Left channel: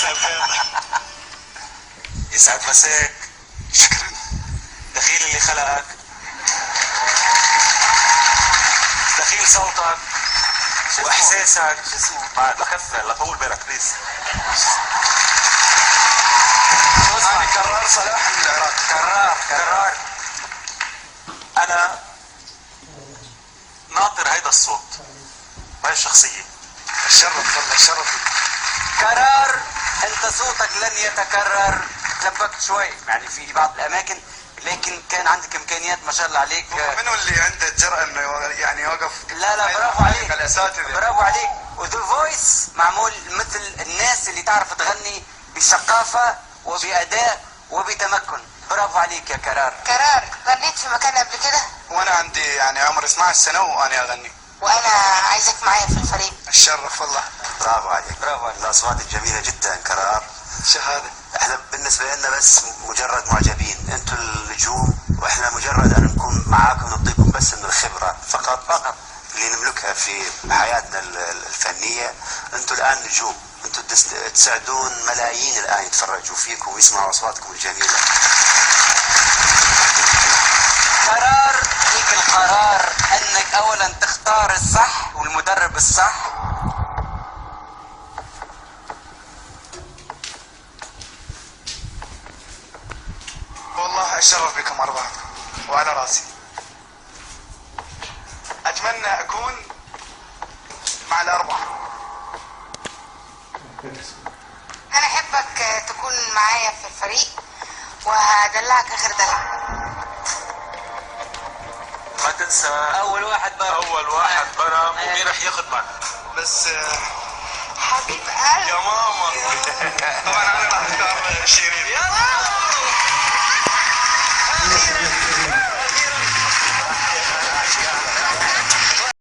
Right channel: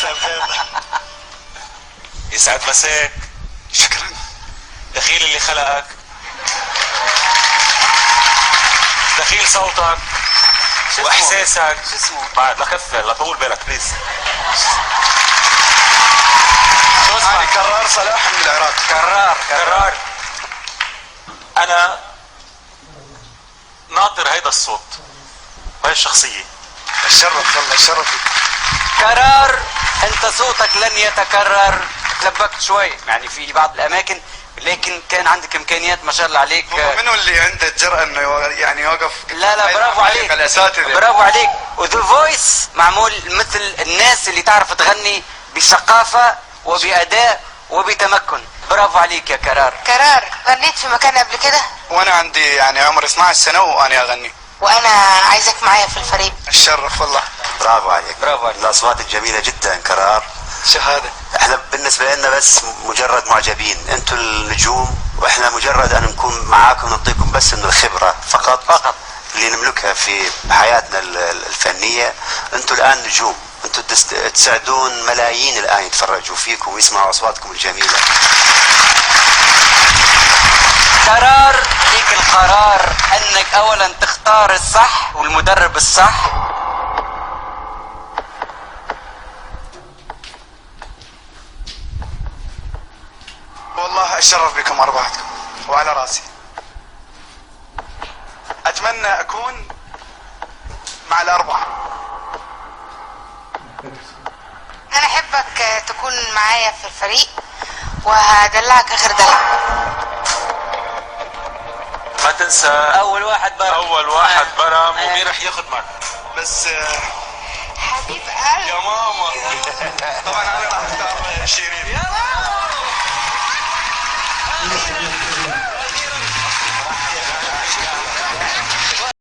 سبابة. يسعد مساك. شكرا. دخيل اللي خلقك، دخيل صوتك واحساسك. شو اسمه؟ بعد لكفر لطول بالك بليز. شو أنا اسمك؟ كرار صلاح من العراق. كرار. انا ناطر هيدا الصوت وهي الشخصية. الشرف والله الشرف. كرار، انت صوتك لن يتكرر. تلبكت شوي يعني في بعض الاماكن، لكن كان عندك امكانيات ما شاء الله عليك. منو اللي عنده الجرأة انه يعني يوقف؟ لا برافو عليك، الاساتذة برافو عليك. وذا فويس معمول مثل الناس اللي تعرف تغني بثقافة وبأداء وبتمكن. برافو عليك يا كرار. كرار، غنيت في مكان قبل كده؟ وانا عندي يعني عمري 12 سنة وانا اغني. وانا عايزك معايا في الفريق. الشرف والله. برافو عليك. برافو عليك. الاصوات الجميله جدا كرار. شهادة. احنا بالنسبه لنا بس مجرد معجبين، انتم النجوم واحنا مجرد ان نكون معاكم نعطيكم بس من الخبره فقط اللي نملكها في حياتنا الفنيه. انتم الان نجوم، انتم تسعدون ملايين الان يتفرجوا فيكم ويسمعوا اصواتكم الجميله. كرار، ليك القرار انك اولا تختار الصح والمدرب الصح. والله اتشرف بكم اربعتكم وعلى راسي. اتمنى اكون مع الاربعه. انا احبك تكون معايا في الفريق وهدلعك اخر دلع. ما تنسى اول واحد برم ومين رح ياخد معك. بس حبيب قلبي يا ماما. طبعا انا راح اختار شيرين. يلا